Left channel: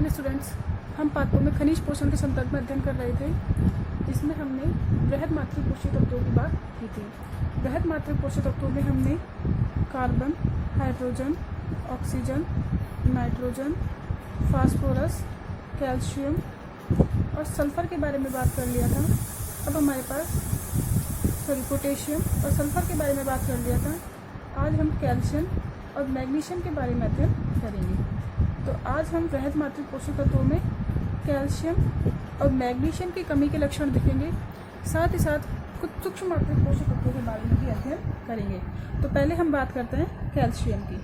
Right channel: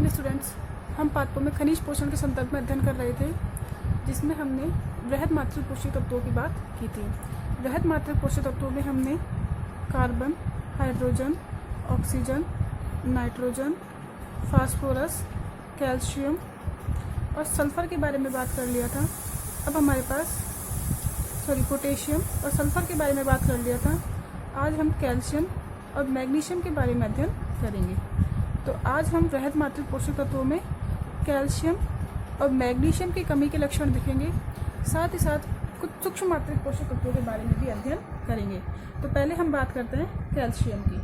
Morning students. हम पाठों में खनिज पोषण के संदर्भ में अध्ययन कर रहे थे, जिसमें हमने वृहद मात्रिक पोषक तत्वों की बात की थी। वृहद मात्रिक पोषक तत्वों में हमने carbon, hydrogen, oxygen, nitrogen, phosphorus, calcium और सल्फर के बारे में बात कर लिया था। अब हमारे पास पोटेशियम और सल्फर के बारे में बात कर लिया था। आज हम कैल्शियम और मैग्नीशियम के बारे में अध्ययन करेंगे। तो आज हम वृहद मात्रिक पोषक तत्वों में कैल्शियम और मैग्नीशियम की कमी के लक्षण देखेंगे, साथ ही साथ कुछ सूक्ष्म मात्रिक पोषक तत्वों के बारे में भी अध्ययन करेंगे। तो पहले हम बात करते हैं कैल्शियम की।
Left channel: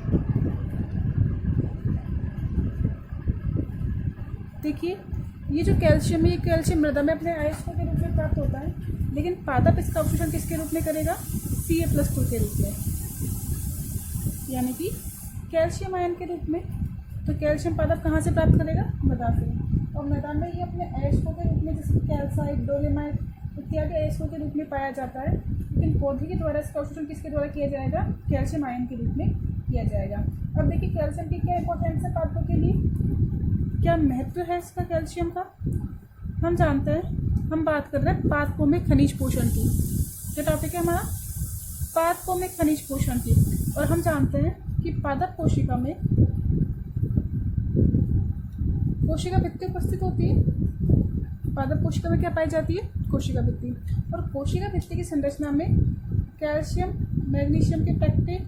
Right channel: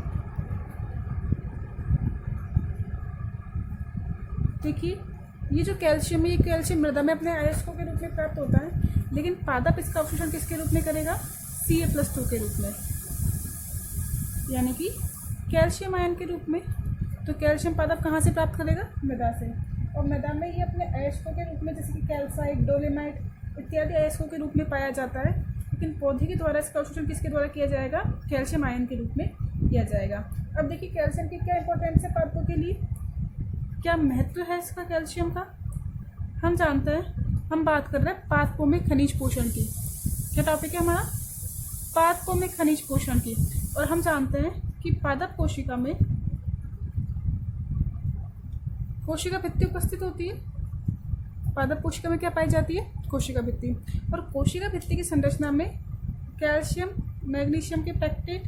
देखिए, ये जो कैल्शियम है, ये कैल्शियम मृदा में अपने अयस्कों के रूप में प्राप्त होता है, लेकिन पादप इसका अवशोषण किसके रूप में करेगा? Ca+2 के रूप में, यानी कि कैल्शियम आयन के रूप में। तो कैल्शियम पादप कहाँ से प्राप्त करेगा? मृदा से। और मृदा में ये अपने अयस्कों के रूप में, जैसे कि कैल्साइट, डोलेमाइट इत्यादि अयस्कों के रूप में पाया जाता है, लेकिन पौधे के द्वारा इसका अवशोषण किसके द्वारा किया जाएगा? कैल्शियम आयन के रूप में किया जाएगा। अब देखिए, कैल्शियम की क्या इंपॉर्टेंस है पादपों के लिए, क्या महत्व है इसका कैल्शियम का, हम जानते हैं। हम बात कर रहे हैं पादपों में खनिज पोषण की। क्या टॉपिक है हमारा? पादपों में खनिज पोषण की। और हम जानते हैं कि पादप कोशिका में कोशिका भित्ति उपस्थित होती है। पादप कोशिका में क्या पाई जाती है? कोशिका भित्ति। और कोशिका भित्ति की संरचना में कैल्शियम, मैग्नीशियम के पैक्टेट,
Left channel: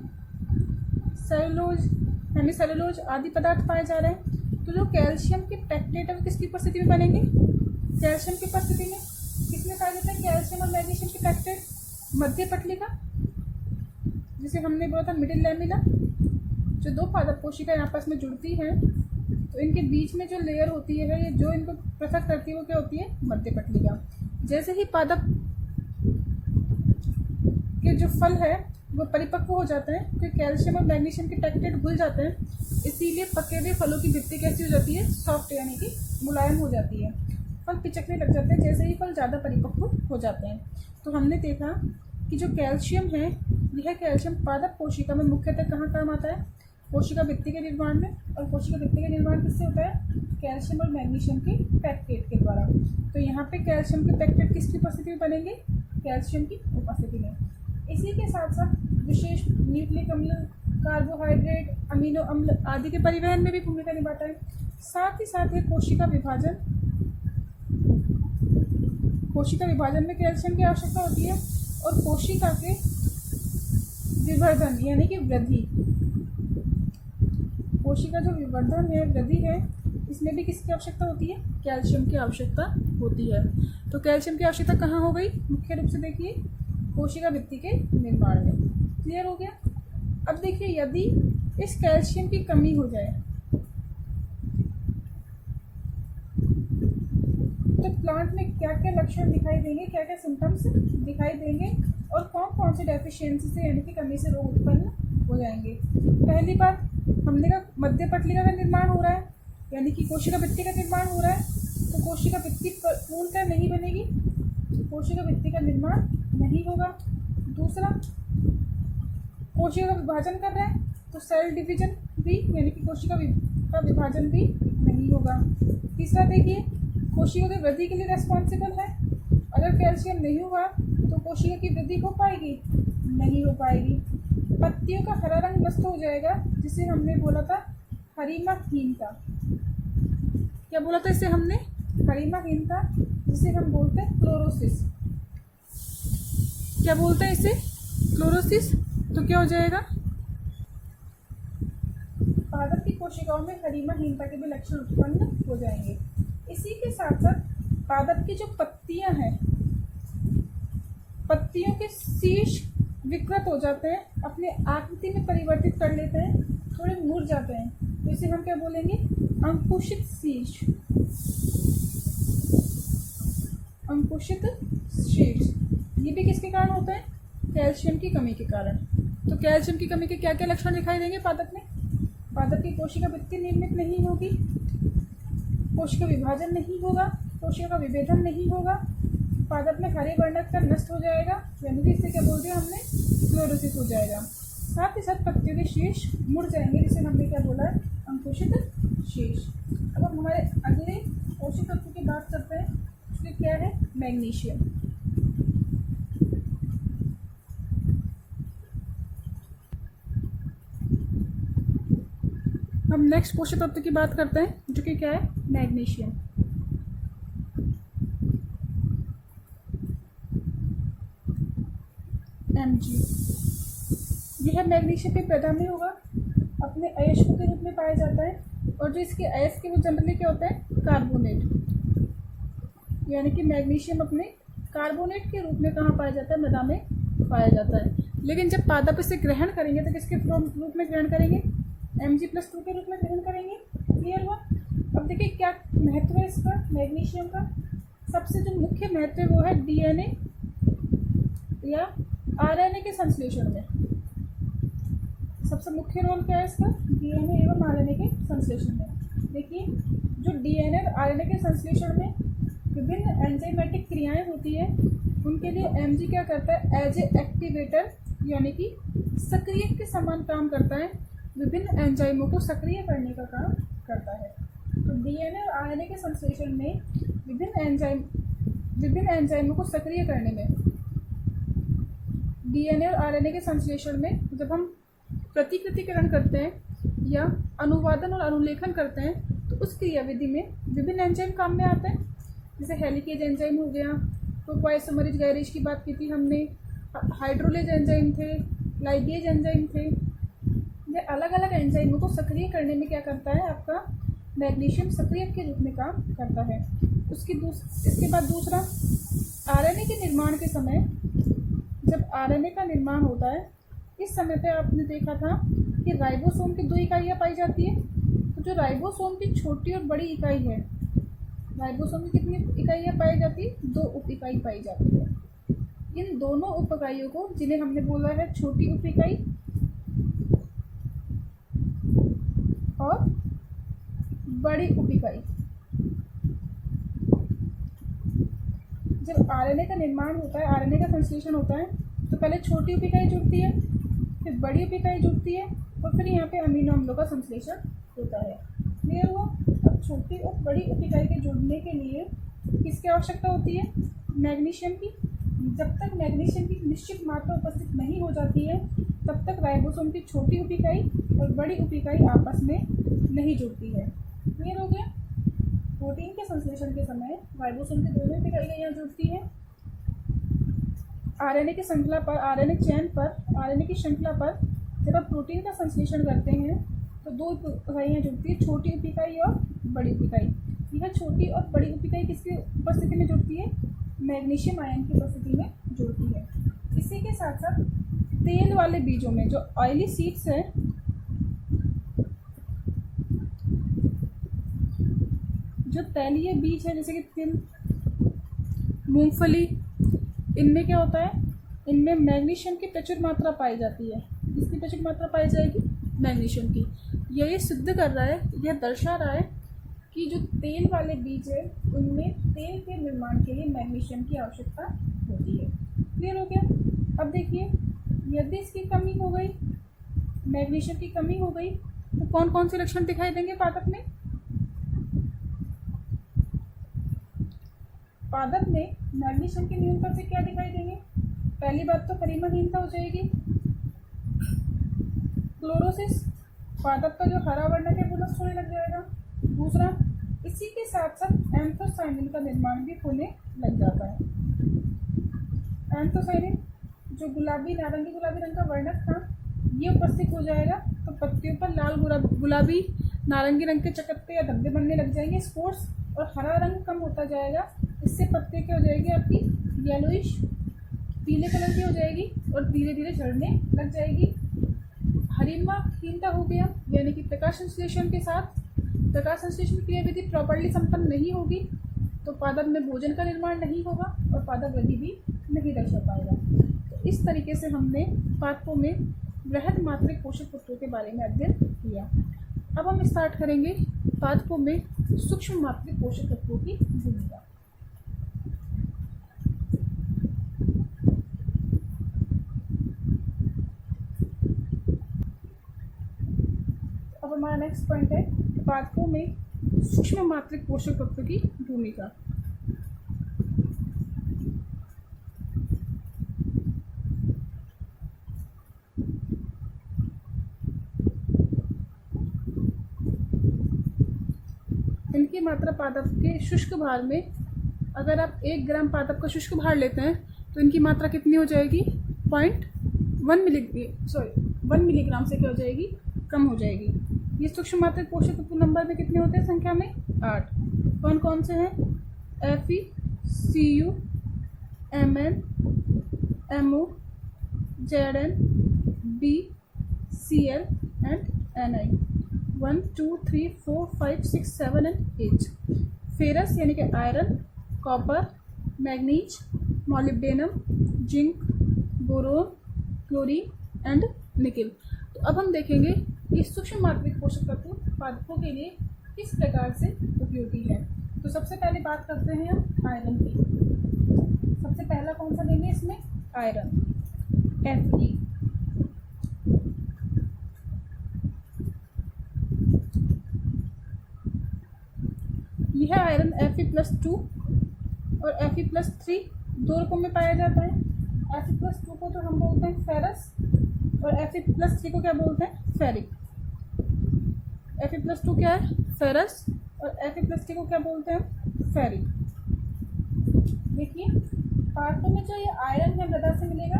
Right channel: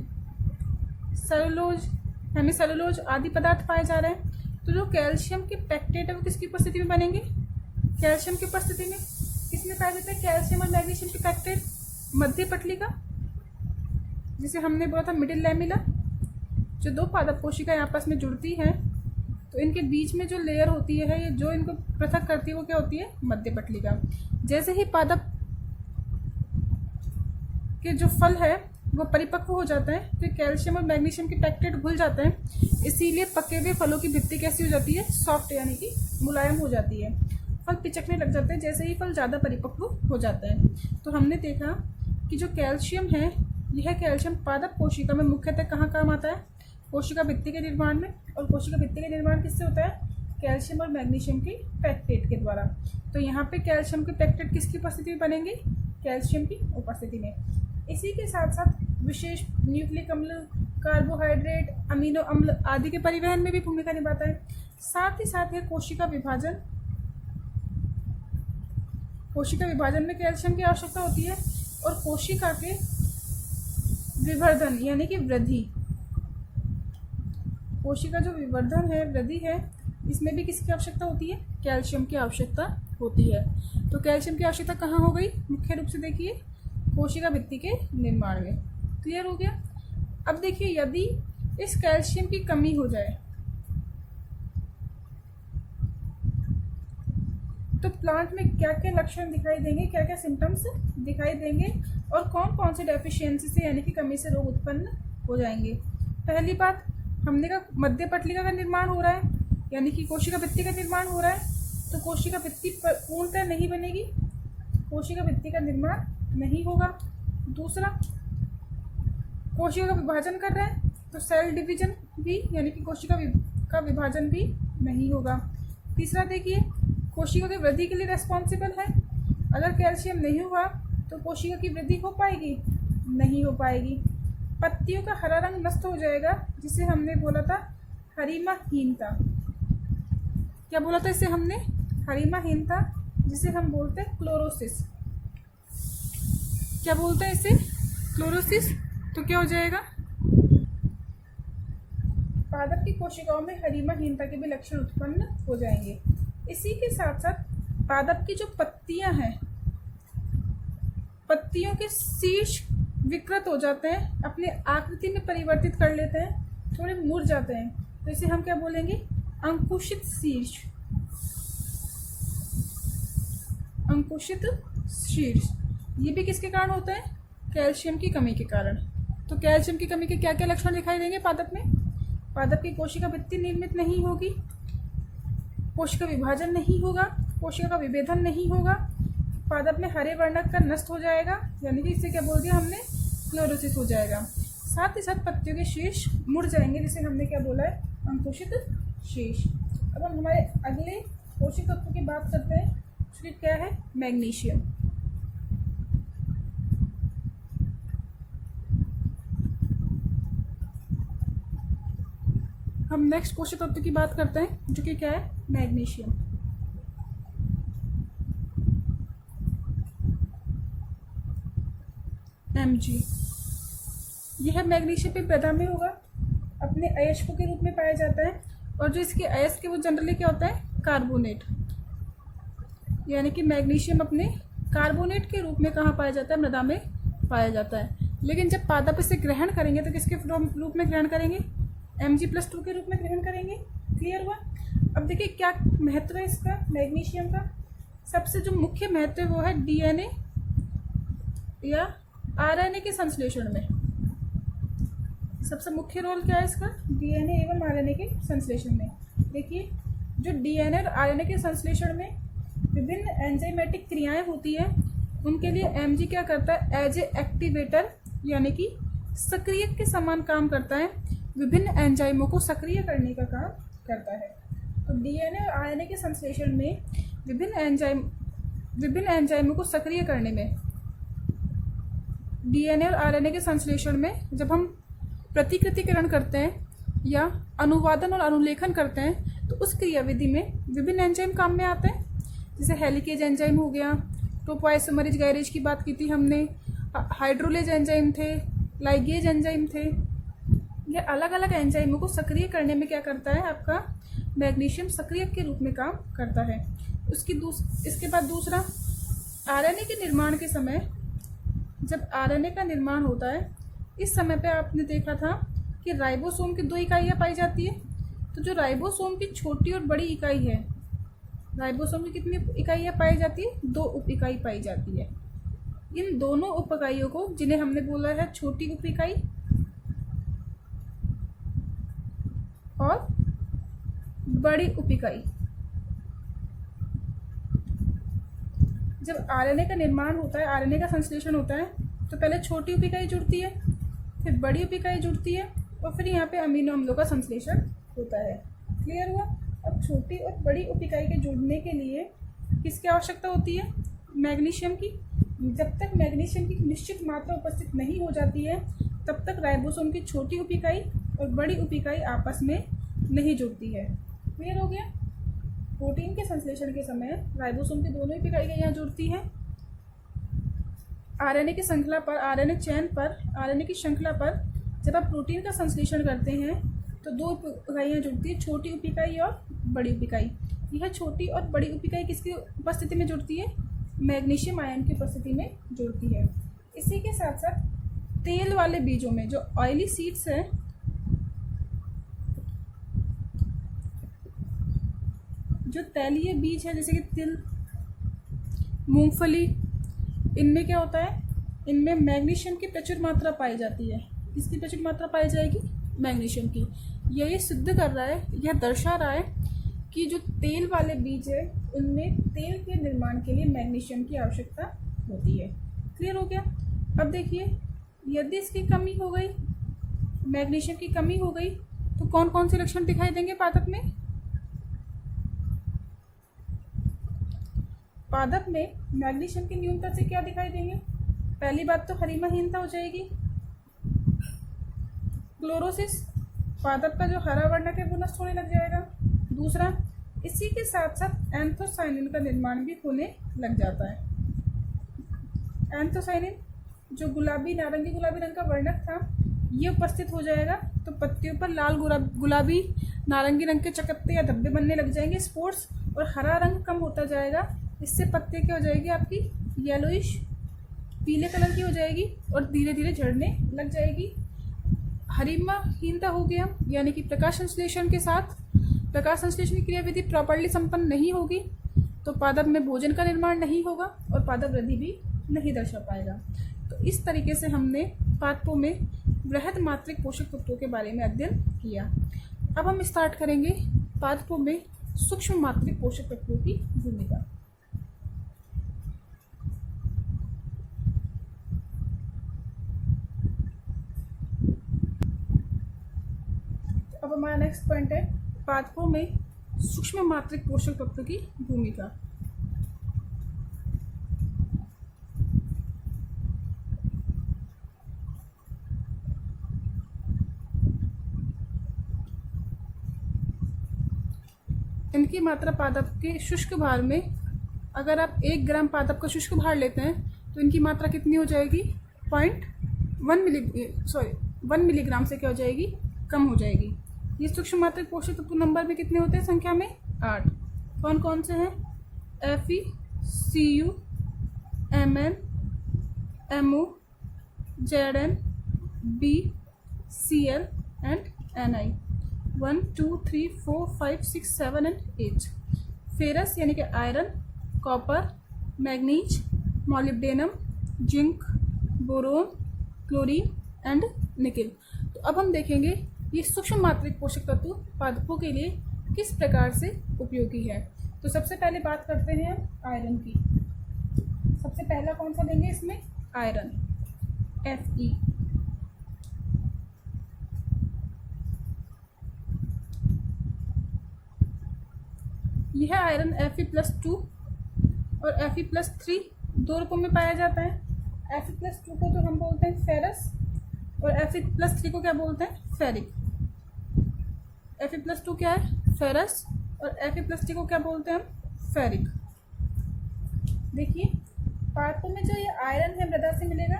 सेलुलोज, हेमीसेलुलोज आदि पदार्थ पाए जा रहे हैं। तो जो कैल्शियम के पैक्टेट है वो किसकी उपस्थिति में बनेंगे? कैल्शियम की उपस्थिति में। किसमें पाए जाते हैं कैल्शियम और मैग्नीशियम के पैक्टेट? मध्य पटलिका, जिसे हमने बोला था मिडिल लैमिला। जो दो पादप कोशिकाएं आपस में जुड़ती हैं, तो इनके बीच में जो लेयर होती है, ये जो इनको पृथक करती है, वो क्या होती है? मध्य पटलिका। जैसे ही पादप के जो फल है वो परिपक्व हो जाते हैं, तो कैल्शियम और मैग्नीशियम के पैक्टेट घुल जाते हैं। इसीलिए पके हुए फलों की भित्ति कैसी हो जाती है? सॉफ्ट, यानी कि मुलायम हो जाती है। फल पिचकने लग जाते हैं जैसे ही फल ज़्यादा परिपक्व हो जाते हैं। तो हमने देखा कि जो कैल्शियम है, यह कैल्शियम पादप कोशिका में मुख्यतः कहाँ काम आता है? कोशिका भित्ति के निर्माण में। और कोशिका भित्ति का निर्माण किससे होता है? कैल्शियम और मैग्नीशियम के पैक्टेट के द्वारा। तो यहाँ पे कैल्शियम के पैक्टेट किसकी उपस्थिति में बनेंगे? कैल्शियम की उपस्थिति में। इसी के साथ साथ विशेष न्यूक्लिक अम्ल, कार्बोहाइड्रेट, अमीनो अम्ल आदि के परिवहन में भी भूमिका निभाता है। साथ ही साथ ये कोशिका विभाजन में कैल्शियम की आवश्यकता होती है। और कोशिका के विवर्धन यानी कि वृद्धि, कोशिका जो विवर्धन है, वृद्धि है, इसमें भी किसकी आवश्यकता होती है? कैल्शियम की आवश्यकता होती है। तो कैल्शियम की आवश्यकता कहाँ हो गई? मुख्य रूप से देखिए कोशिका भित्ति के निर्माण में। क्लियर हो गया? अब देखिए, यदि इस कैल्शियम की कमी हो जाए तो प्लांट में क्या क्या लक्षण दिखाई देंगे, क्या क्या सिम्टम्स दिखाई देंगे, और कौन कौन से डेफिशिएंसी से यानी कि कमी से रोग उत्पन्न हो जाएंगे। पहली बात, हमने कहा मध्य पटलिका का निर्माण हो रहा है, यानी कि कोशिका भित्ति का निर्माण हो रहा है, तो कोशिका भित्ति पूर्णतः नहीं बनेगी, कोशिका भित्ति का निर्माण नहीं होगा। दूसरा, कोशिका का विभाजन कर रहे हैं, तो सेल डिवीजन भी यानी कि कोशिका का विभाजन भी नहीं होगा। तीसरा देखिए, कोशिका की वृद्धि के लिए रेस्पॉन्सिबल है। अगर कैल्शियम नहीं हुआ तो कोशिका की वृद्धि हो पाएगी? नहीं हो पाएगी। पत्तियों का हरा रंग नष्ट हो जाएगा, जिसे हमने बोला था हरिमाहीनता। क्या बोला था इसे हमने? हरिमाहीनता, जिसे हम बोलते हैं क्लोरोसिस। क्या बोलते हैं इसे? क्लोरोसिस। तो क्या हो जाएगा? पादप की कोशिकाओं में हरिमाहीनता के भी लक्षण उत्पन्न हो जाएंगे। इसी के साथ साथ पादप की जो पत्तियां हैं, पत्तियों के शीर्ष विकृत हो जाते हैं, अपने आकृति में परिवर्तित कर लेते हैं, थोड़े मुड़ जाते हैं, तो इसे हम क्या बोलेंगे? अंकुशित शीर्ष। अंकुशित शीर्ष। ये भी किसके कारण होता है? कैल्शियम की कमी के कारण। तो कैल्शियम की कमी के क्या क्या लक्षण दिखाई देंगे पादप में? पादप की कोशिका भित्ति निर्मित नहीं होगी, कोशिका विभाजन नहीं होगा, कोशिका का विभेदन नहीं होगा, पादप में हरे वर्णक का नष्ट हो जाएगा, यानी कि इसे क्या बोल दिया हमने? क्लोरोसिस हो जाएगा। साथ ही साथ पत्तियों के शीर्ष मुड़ जाएंगे, जिसे हमने क्या बोला है? अंकुशित शीर्ष। अब हम हमारे अगले पोषक तत्व की बात करते हैं, जो क्या है मैग्नीशियम। हम नेक्स्ट पोषक तत्व की बात करते हैं, जो कि क्या है मैग्नीशियम। Mg, यह मैग्नीशियम पे प्रधा में होगा, अपने अयस्कों के रूप में पाया जाता है, और जो इसके अयस्क है वो जनरली क्या होता है कार्बोनेट, यानी कि मैग्नीशियम अपने कार्बोनेट के रूप में कहाँ पाया जाता है, मृदा में पाया जाता है। लेकिन जब पादप इसे ग्रहण करेंगे तो किसके रूप में ग्रहण करेंगे, Mg+2 के रूप में ग्रहण करेंगे। क्लियर हुआ। अब देखिए क्या महत्व है इसका मैग्नीशियम का। सबसे जो मुख्य महत्व है वो है DNA या RNA के संश्लेषण में। सबसे मुख्य रोल क्या है इसका, DNA एवं RNA के संश्लेषण में। देखिए जो DNA और RNA के संश्लेषण में विभिन्न एंजाइमेटिक क्रियाएं होती है, उनके लिए Mg क्या करता है, एज ए एक्टिवेटर यानी कि सक्रियक के समान काम करता है, विभिन्न एंजाइमों को सक्रिय करने का काम करता है। तो DNA और RNA के संश्लेषण में विभिन्न एंजाइमों को सक्रिय करने में, DNA और RNA के संश्लेषण में जब हम प्रतिकृतिकरण करते हैं या अनुवादन और अनुलेखन करते हैं, तो उस क्रियाविधि में विभिन्न एंजाइम काम में आते हैं। जैसे हेलिकेज एंजाइम हो गया, टोपोआइसोमरेज गैरेज की बात की थी हमने, हाइड्रोलेज एंजाइम थे, लाइगेज एंजाइम थे। ये अलग अलग एंजाइमों को सक्रिय करने में क्या करता है, आपका मैग्नीशियम सक्रियक के रूप में काम करता है। इसके बाद दूसरा, RNA के निर्माण के समय, जब RNA का निर्माण होता है, इस समय पे आपने देखा था कि राइबोसोम की 2 इकाइयाँ पाई जाती है। तो जो राइबोसोम की छोटी और बड़ी इकाई है, राइबोसोम की कितनी इकाइयाँ पाई जाती है, 2 उप इकाई पाई जाती है। इन दोनों उप इकाइयों को, जिन्हें हमने बोला है छोटी उप इकाई और बड़ी उप इकाई, जब RNA का निर्माण होता है, RNA का संश्लेषण होता है, तो पहले छोटी उप इकाई जुड़ती है, फिर बड़ी उप इकाई जुड़ती है, और फिर यहाँ पे अमीनो अम्लों का संश्लेषण होता है। क्लियर हुआ। अब छोटी और बड़ी उप इकाई के जुड़ने के लिए किसकी आवश्यकता होती है, मैग्नीशियम की। जब तक मैग्नीशियम की निश्चित मात्रा उपस्थित नहीं हो जाती है, तब तक राइबोसोम की छोटी उप इकाई और बड़ी उप इकाई आपस में नहीं जुड़ती है। क्लियर हो गया। प्रोटीन के संश्लेषण के समय राइबोसोम की दोनों उप इकाइयाँ यहाँ जुड़ती हैं। RNA की श्रृंखला पर, RNA चेन पर, RNA की श्रृंखला पर जब आप प्रोटीन का संश्लेषण करते हैं तो 2 इकाइयाँ जुड़ती है, छोटी उप इकाई और बड़ी उप इकाई। यह छोटी और बड़ी उप इकाई किसकी उपस्थिति में जुड़ती है, मैग्नीशियम आयन की उपस्थिति में जुड़ती है। इसी के साथ साथ तेल वाले बीजों में, जो ऑयली सीड्स हैं, जो तैलीय बीज है जैसे कि तिल, मूंगफली, इनमें क्या होता है, इनमें मैग्नीशियम की प्रचुर मात्रा पाई जाती है। किसकी प्रचुर मात्रा पाई जाएगी, मैग्नीशियम की। ये सिद्ध कर रहा है, यह दर्शा रहा है कि जो तेल वाले बीज है उनमें तेल के निर्माण के लिए मैग्नीशियम की आवश्यकता होती है। क्लियर हो गया। अब देखिए, यदि इसकी कमी हो गई, मैग्नीशियम की कमी हो गई, तो कौन कौन से लक्षण दिखाई देंगे पादप में। पादप में मैग्नीशियम की न्यूनता से क्या दिखाई देंगे, पहली बात तो हरिमाहीनता हो जाएगी, क्लोरोसिस, पादप का जो हरा वर्णक है वो नष्ट होने लग जाएगा। दूसरा, इसी के साथ साथ एंथोसाइनिन का निर्माण भी होने लग जाता है। एंथोसाइनिन जो गुलाबी नारंगी गुलाबी रंग का वर्णक था, ये उपस्थित हो जाएगा, तो पत्तियों पर लाल गुलाबी नारंगी रंग के चकत्ते या धब्बे बनने लग जाएंगे, स्पोर्स, और हरा रंग कम होता जाएगा। इससे पत्ते क्या हो जाएगी, आपकी येलोइश पीले कलर की हो जाएगी और धीरे धीरे झड़ने लग जाएगी। हरिमाहीनता हो गया, यानी कि प्रकाश संश्लेषण के साथ प्रकाश संश्लेषण की क्रियाविधि प्रॉपर्ली संपन्न नहीं होगी, तो पादप में भोजन का निर्माण नहीं होगा और पादप वृद्धि भी नहीं दर्शा पाएगा। तो इस तरीके से हमने पादपों में वृहद मात्रिक पोषक तत्वों के बारे में अध्ययन किया। अब हम स्टार्ट करेंगे पादपों में सूक्ष्म मात्रिक पोषक तत्वों की भूमिका। अब हमारा नेक्स्ट पॉइंट है पादपों में सूक्ष्म मात्रिक पोषक तत्व की भूमिका। इनकी मात्रा पादप के शुष्क भार में, अगर आप 1 ग्राम पादप का शुष्क भार लेते हैं तो इनकी मात्रा कितनी हो जाएगी? 1 मिलीग्राम से क्या हो जाएगी? कम हो जाएगी। ये सूक्ष्म मात्रिक पोषक तत्व नंबर में कितने होते हैं? संख्या में 8। कौन कौन से हैं? Fe, Cu, Mn, Mo, Zn, B, Cl and Ni। 1 2 3 4 5 6 7 and 8। Ferrous यानी कि iron, copper, manganese, molybdenum, zinc, boron, chlorine and nickel. तो अब हम देखेंगे ये सूक्ष्म मात्रिक पोषक तत्व पादपों के लिए किस प्रकार से उपयोगी है। तो सबसे पहले बात करते हैं हम आयरन की। सबसे पहला कौन सा लेंगे इसमें? Iron, Fe। यह आयरन Fe+2 और Fe+3 दो रूपों में पाया जाता है। Fe+2 को तो हम बोलते हैं फेरस और Fe+3 को क्या बोलते हैं? फेरिक। Fe+2 क्या है? फेरस। और Fe+3 को क्या बोलते हैं हम? फेरिक। देखिए पादपों में जो ये आयरन है मृदा से मिलेगा।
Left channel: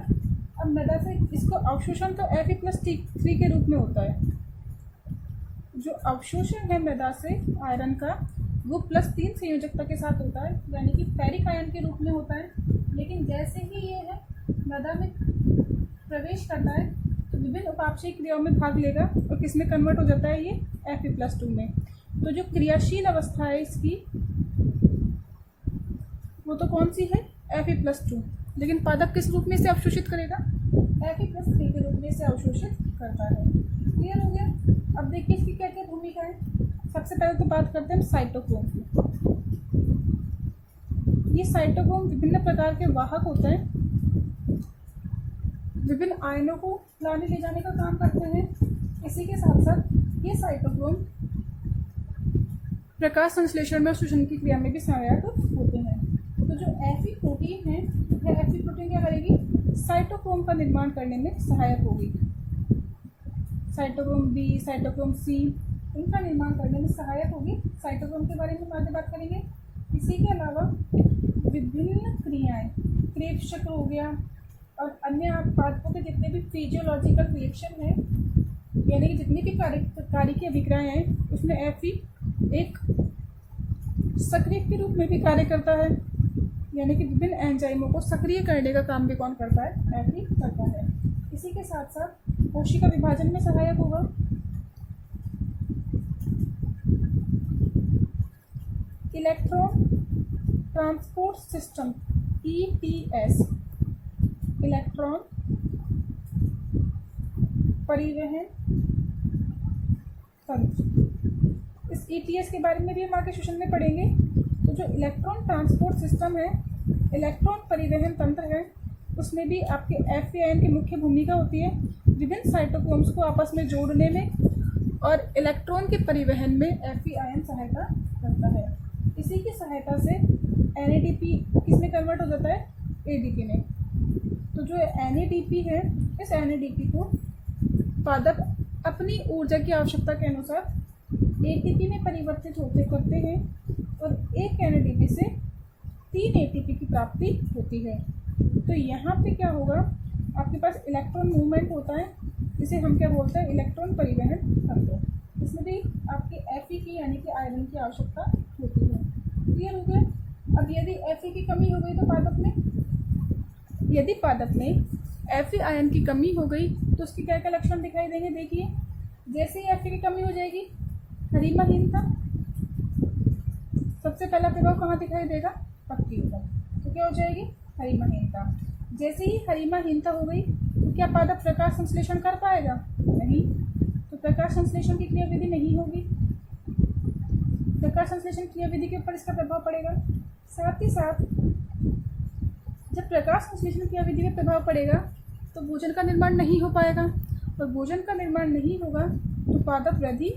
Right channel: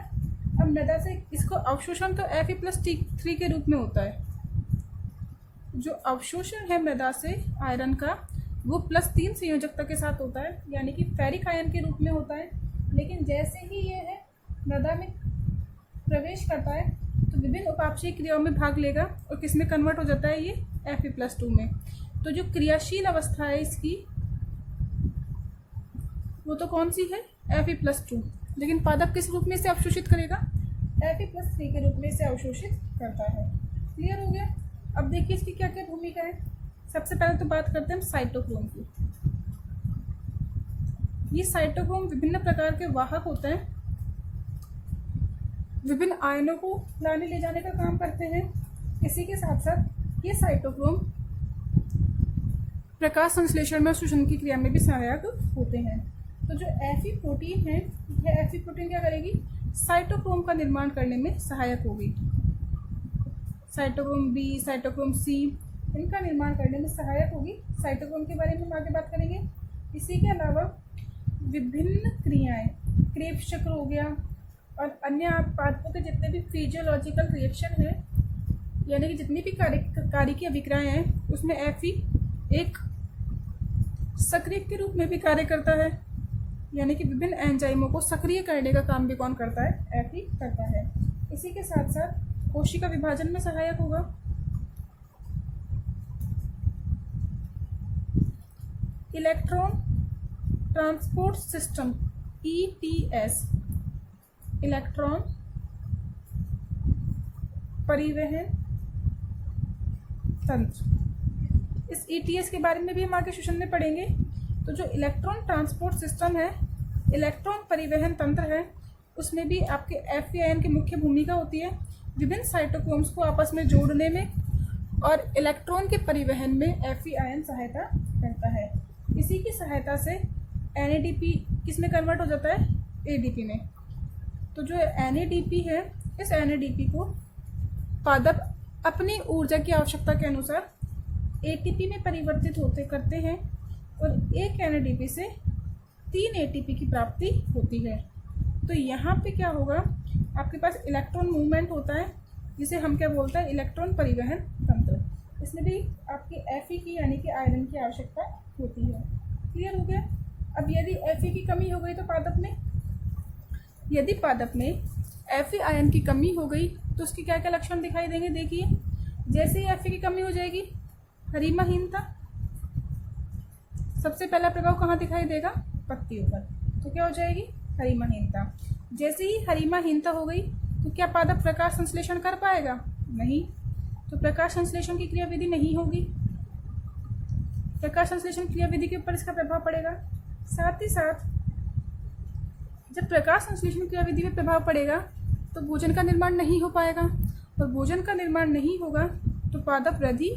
अब मृदा से इसको अवशोषण तो Fe+3 के रूप में होता है। जो अवशोषण है मृदा से आयरन का वो +3 संयोजकता के साथ होता है, यानी कि फेरिक आयन के रूप में होता है। लेकिन जैसे ही ये है मृदा में प्रवेश करता है तो विभिन्न उपापचयी क्रियाओं में भाग लेगा और किस में कन्वर्ट हो जाता है? ये Fe+2 में। तो जो क्रियाशील अवस्था है इसकी वो तो कौन सी है? Fe+2। लेकिन पादप किस रूप में इसे अवशोषित करेगा? Fe+3 के रूप में इसे अवशोषित करता है। क्लियर हो गया? अब देखिए इसकी क्या क्या भूमिका है। सबसे पहले तो बात करते हैं हम साइटोक्रोम की। ये साइटोक्रोम विभिन्न प्रकार के वाहक होते हैं, विभिन्न आयनों को लाने ले जाने का काम करते हैं। इसी के साथ साथ ये साइटोक्रोम प्रकाश संश्लेषण में और श्वसन की क्रिया में भी सहायक होते हैं। तो जो Fe प्रोटीन है, यह Fe प्रोटीन क्या करेगी? साइटोक्रोम का निर्माण करने में सहायक होगी। साइटोक्रोम B, साइटोक्रोम C इनका निर्माण करने में सहायक होगी। साइटोक्रोम के बारे में हम आगे बात करेंगे। इसी के अलावा विभिन्न क्रियाएं, क्रेब्स चक्र हो गया और अन्य पादपों के जितने भी फिजियोलॉजिकल रिएक्शन हैं, यानी कि जितनी भी कार्यकी अभिक्रियाएं हैं उसमें Fe एक सक्रिय के रूप में भी कार्य करता है, यानी कि विभिन्न एंजाइमों को सक्रिय करने का काम भी कौन करता है? Fe करता है। इसी के साथ साथ कोशिका विभाजन में सहायक होगा। Electron transport system ETS, electron परिवहन तंत्र। इस ETS के बारे में भी हम आगे सेशन में पढ़ेंगे। तो जो इलेक्ट्रॉन ट्रांसपोर्ट सिस्टम है, इलेक्ट्रॉन परिवहन तंत्र है, उसमें भी आपके Fe आयन की मुख्य भूमिका होती है विभिन्न साइटोक्रोम्स को आपस में जोड़ने में, और इलेक्ट्रॉन के परिवहन में Fe आयन सहायता करता है। इसी की सहायता से NADP किस में कन्वर्ट हो जाता है? ADP में। तो जो NADP है, इस NADP को पादप अपनी ऊर्जा की आवश्यकता के अनुसार ATP में परिवर्तित होते करते हैं और एक NADP से 3 ATP की प्राप्ति होती है। तो यहाँ पे क्या होगा? आपके पास इलेक्ट्रॉन मूवमेंट होता है जिसे हम क्या बोलते हैं? इलेक्ट्रॉन परिवहन तंत्र। इसमें भी आपकी Fe की यानी कि आयरन की आवश्यकता होती है। क्लियर हो गया? अब यदि Fe की कमी हो गई तो पादप में, यदि पादप में Fe आयन की कमी हो गई तो उसके क्या क्या लक्षण दिखाई देंगे? देखिए, जैसे ही Fe की कमी हो जाएगी, हरिमाहीनता। सबसे पहला प्रभाव कहाँ दिखाई देगा? पत्तियों पर। तो क्या हो जाएगी? हरिमाहीनता। जैसे ही हरिमाहीनता हो गई तो क्या पादप प्रकाश संश्लेषण कर पाएगा? नहीं। तो प्रकाश संश्लेषण की क्रियाविधि नहीं होगी। प्रकाश संश्लेषण क्रियाविधि के ऊपर इसका प्रभाव पड़ेगा। साथ ही साथ जब प्रकाश संश्लेषण क्रियाविधि में प्रभाव पड़ेगा तो भोजन का निर्माण नहीं हो पाएगा, और भोजन का निर्माण नहीं होगा तो पादप वृद्धि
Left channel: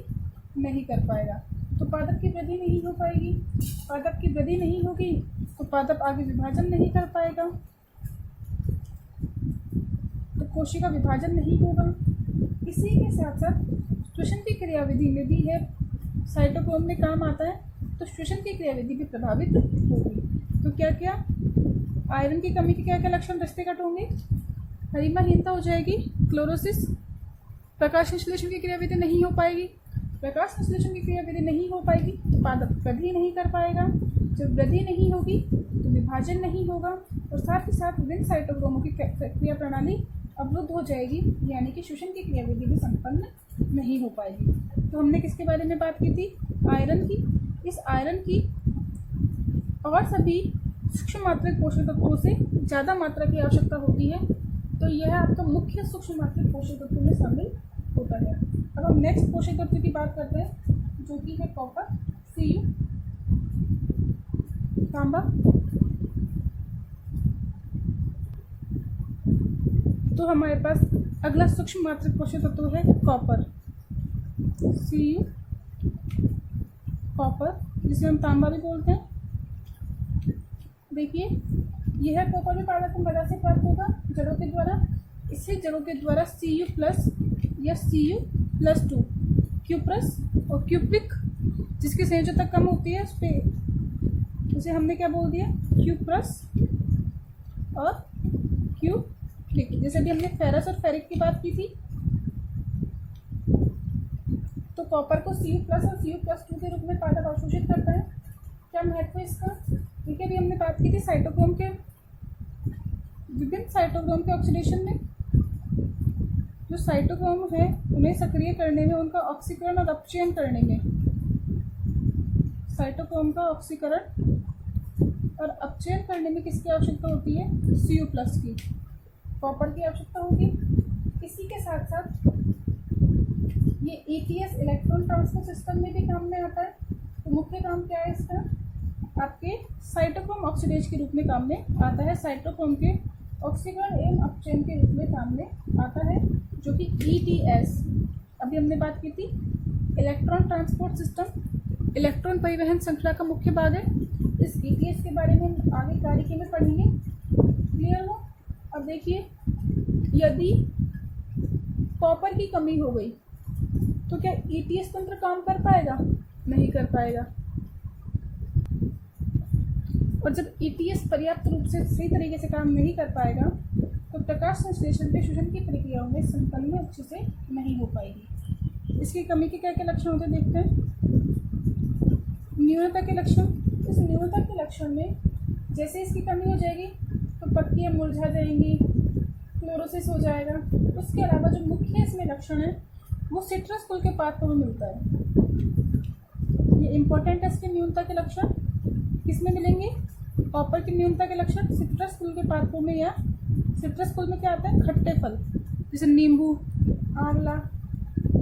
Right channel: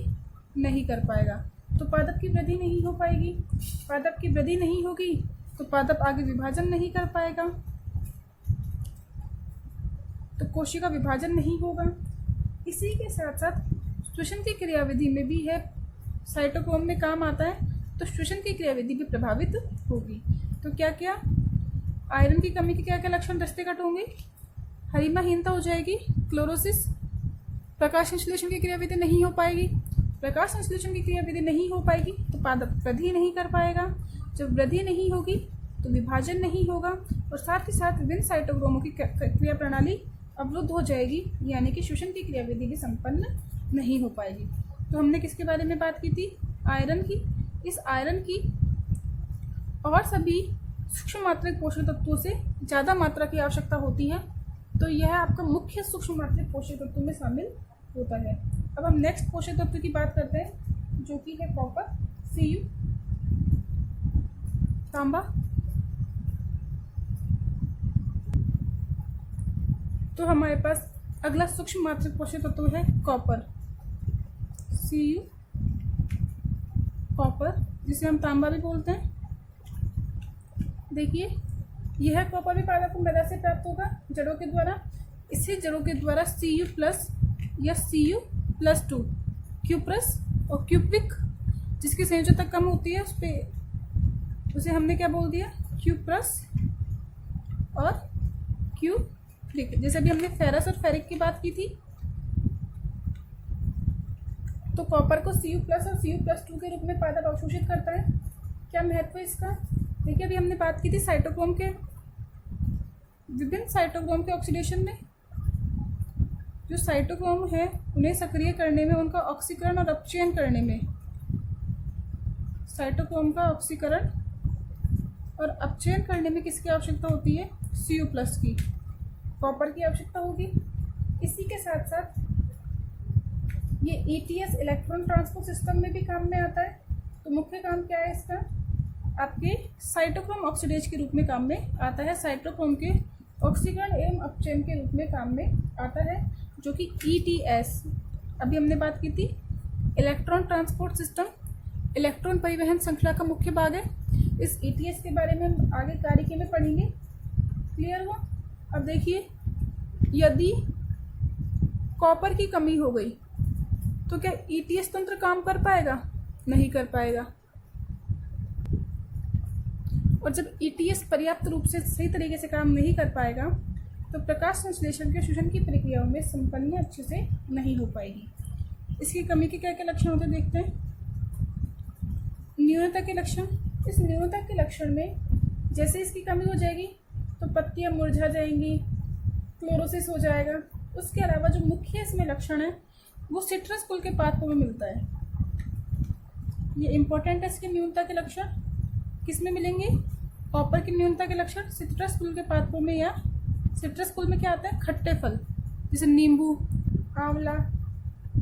नहीं कर पाएगा। तो पादप की वृद्धि नहीं हो पाएगी। पादप की वृद्धि नहीं होगी तो पादप आगे विभाजन नहीं कर पाएगा, तो कोशिका विभाजन नहीं होगा। इसी के साथ साथ श्वसन की क्रियाविधि में भी है, साइटोक्रोम में काम आता है, तो श्वसन की क्रियाविधि भी प्रभावित होगी। तो क्या क्या आयरन की कमी के क्या क्या लक्षण दृष्टि कट होंगे? हरिमाहीनता हो जाएगी, क्लोरोसिस, प्रकाश संश्लेषण की क्रियाविधि नहीं हो पाएगी। प्रकाश संश्लेषण की क्रियाविधि नहीं हो पाएगी तो पादप वृद्धि नहीं कर पाएगा। जब वृद्धि नहीं होगी तो विभाजन नहीं होगा और साथ ही साथ विभिन्न साइटोक्रोमों की क्रिया प्रणाली अवरुद्ध हो जाएगी, यानी कि श्वसन की क्रियाविधि भी संपन्न नहीं हो पाएगी। तो हमने किसके बारे में बात की थी? आयरन की। इस आयरन की और सभी सूक्ष्म मात्रिक पोषक तत्वों से ज़्यादा मात्रा की आवश्यकता होती है, तो यह आपका मुख्य सूक्ष्म मात्रिक पोषक तत्वों में शामिल होता है। अब हम नेक्स्ट पोषक तत्व की बात करते हैं, जो कि है कॉपर, Cu, तांबा। तो हमारे पास अगला सूक्ष्म मात्रिक पोषक तत्व है कॉपर, Cu, कॉपर, जिसे हम तांबा भी बोलते हैं। देखिए, यह कॉपर भी पादप को मृदा से प्राप्त होगा जड़ों के द्वारा। इसे जड़ों के द्वारा Cu+ या Cu+2, क्यूप्रस और क्यूप्रिक, जिसकी संयोजकता कम होती है उसे हमने क्या बोल दिया? क्यूप्रस और क्यूप्रिक। जैसे अभी हमने फेरस और फेरिक की बात की थी, तो कॉपर को Cu+ और Cu+2 के रूप में पादप अवशोषित करता है। क्या महत्व है इसका? देखिए, अभी हमने बात की थी साइटोक्रोम के, विभिन्न साइटोक्रोम के ऑक्सीडेशन में। जो साइटोक्रोम है उन्हें सक्रिय करने में, उनका ऑक्सीकरण और अपचयन करने में, साइटोक्रोम का ऑक्सीकरण और अपचयन करने में किसकी आवश्यकता होती है? Cu+ की, कॉपर की आवश्यकता होगी। इसी के साथ साथ ये ETS इलेक्ट्रॉन ट्रांसपोर्ट सिस्टम में भी काम में आता है। तो मुख्य काम क्या है इसका? आपके साइटोक्रोम ऑक्सीडेज के रूप में काम में आता है, साइटोक्रोम के ऑक्सीकरण एवं अपचयन के रूप में काम में आता है, जो कि ETS अभी हमने बात की थी। इलेक्ट्रॉन ट्रांसपोर्ट सिस्टम, इलेक्ट्रॉन परिवहन श्रृंखला का मुख्य भाग है। इस ETS के बारे में हम आगे कार्यक्रम में पढ़ेंगे। क्लियर हो? अब देखिए, यदि कॉपर की कमी हो गई तो क्या ETS तंत्र काम कर पाएगा? नहीं कर पाएगा। और जब ETS पर्याप्त रूप से सही तरीके से काम नहीं कर पाएगा तो प्रकाश संश्लेषण के श्वसन की प्रक्रियाओं में संपन्न अच्छे से नहीं हो पाएगी। इसकी कमी के क्या क्या लक्षण होते हैं देखते हैं। न्यूनता के लक्षण। इस न्यूनता के लक्षण में जैसे इसकी कमी हो जाएगी तो पत्तियां मुरझा जाएंगी, क्लोरोसिस हो जाएगा। उसके अलावा जो मुख्य इसमें लक्षण है वो सिट्रस कुल के पादपों में मिलता है। ये इंपॉर्टेंट है। इसके न्यूनता के लक्षण किस में मिलेंगे? कॉपर की न्यूनता के लक्षण सिट्रस कुल के पादपों में, या सिट्रस कुल में क्या आता है? खट्टे फल, जैसे नींबू, आंवला,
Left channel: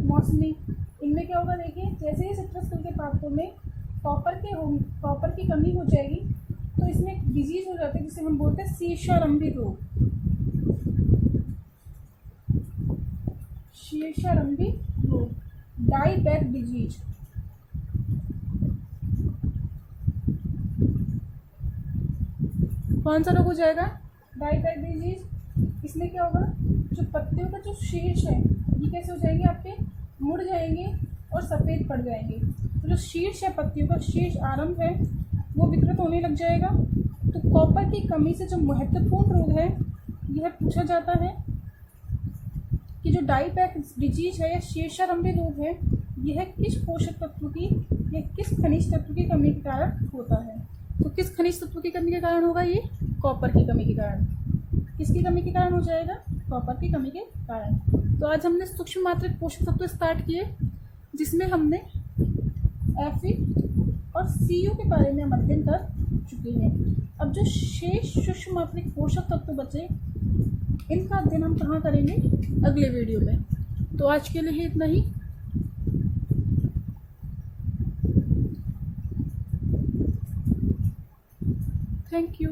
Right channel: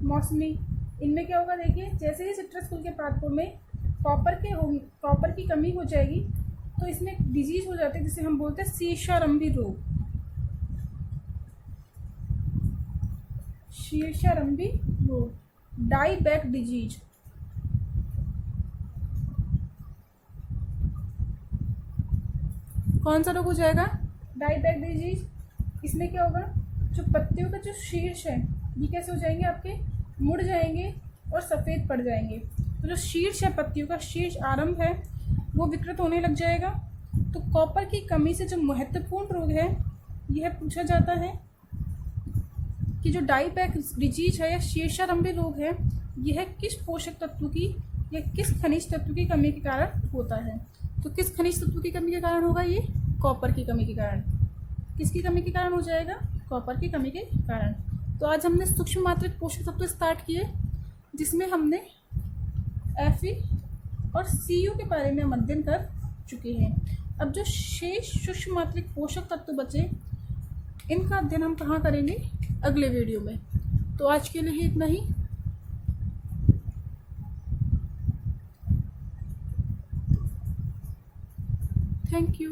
मौसमी। इनमें क्या होगा? देखिए, जैसे ही सिट्रस कुल के पादपों में कॉपर की कमी हो जाएगी तो इसमें एक डिजीज हो जाती है जिसे हम बोलते हैं शीर्षारंभी रोग। शीर्षारंभी रोग, डाईबैक डिजीज। कौन सा रोग हो जाएगा? Dieback disease. इसमें क्या होगा? जो पत्तियों का जो शीर्ष है ये कैसे हो जाएंगे? आपके मुड़ जाएंगे और सफ़ेद पड़ जाएंगे। तो जो शीर्ष है, पत्तियों का शीर्ष आरंभ है, वो विकृत होने लग जाएगा। तो कॉपर की कमी से जो महत्वपूर्ण रोग है यह पूछा जाता है कि जो डाईबैक डिजीज है या शीर्षारंभी रोग है, यह किस पोषक तत्व की या किस खनिज तत्व की कमी के कारण होता है। तो किस खनिज तत्व की कमी के कारण होगा? ये कॉपर की कमी के कारण। किसकी कमी के कारण हो जाएगा? कॉपर की कमी के कारण। तो आज हमने सूक्ष्म मात्रिक पोषक तत्व स्टार्ट किए, जिसमें हमने Fe और Cu के बारे में हम अध्ययन कर चुके हैं। अब जो शेष सूक्ष्म मात्रिक पोषक तत्व बचे, इनका अध्ययन हम कहाँ करेंगे? अगले वीडियो में। तो आज के लिए इतना ही। Thank you.